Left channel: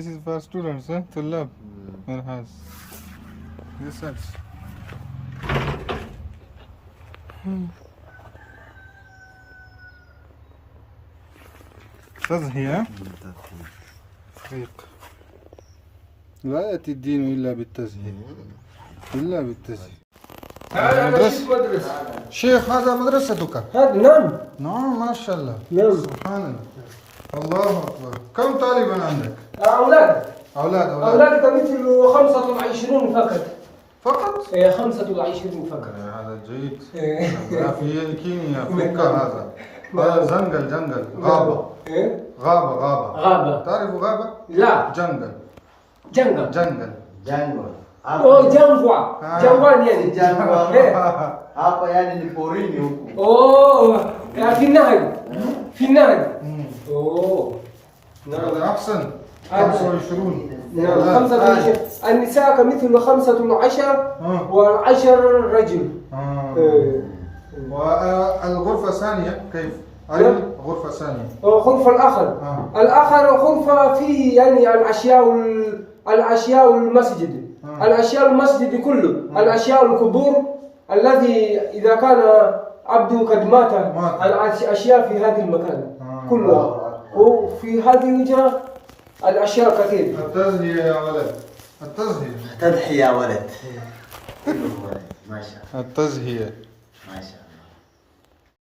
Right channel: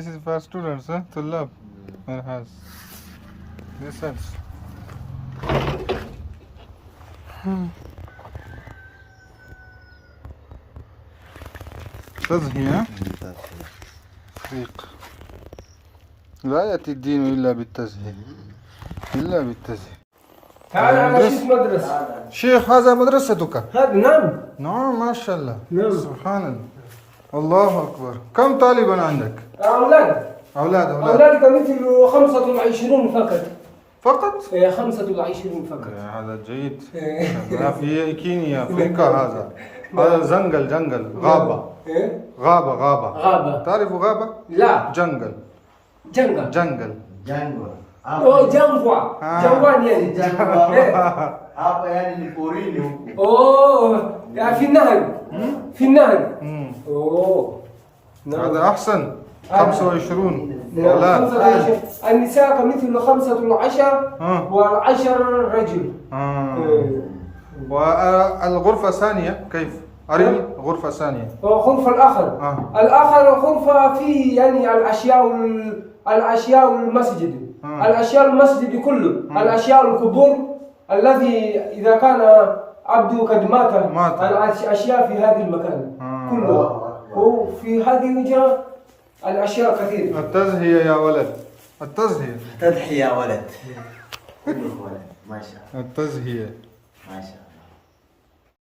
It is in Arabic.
This is for students, huh? طلاب. It has research. تزهية فريق. لا يأتي الدين إلا بالتزهية. إلا بالتزهية. مدرسة. شيخ هذا مدرستك؟ هذا نعم. نعم ما شاء الله. نعم. سبحان الله. الله أكبر. كم طالبا عندك؟ أولاد. أولاد. أولادك مثل 25 فقط. فقط؟ 25 فقط. هذا جيد. لا في كينيا أفريقيا هذا جنگل غابة. غابة. تعرف غابة؟ لا. جنگل. جنگل. Oh, جنفوا. جنوان يعني. apa yani ni porini huku. في النهر. في النهر. هذا أحسن. 25 25 النساء كمثل 15 والعشر رجل. والغرفة الثانية كيف؟ أرني غرفة ثانية. غرفة الآخر غرفة في يعني الأشياء المسجد. الأشياء المسجد كله. الأشياء القبور الذي إذا كان عبده قد مات. الأشياء في هذا المكان كلها. وفي هذه الوجهة الأشياء كثيرة. التزهية يا ولد. التزهية. تضحية يا ولد. ما شاء الله. التزهية. ما شاء الله.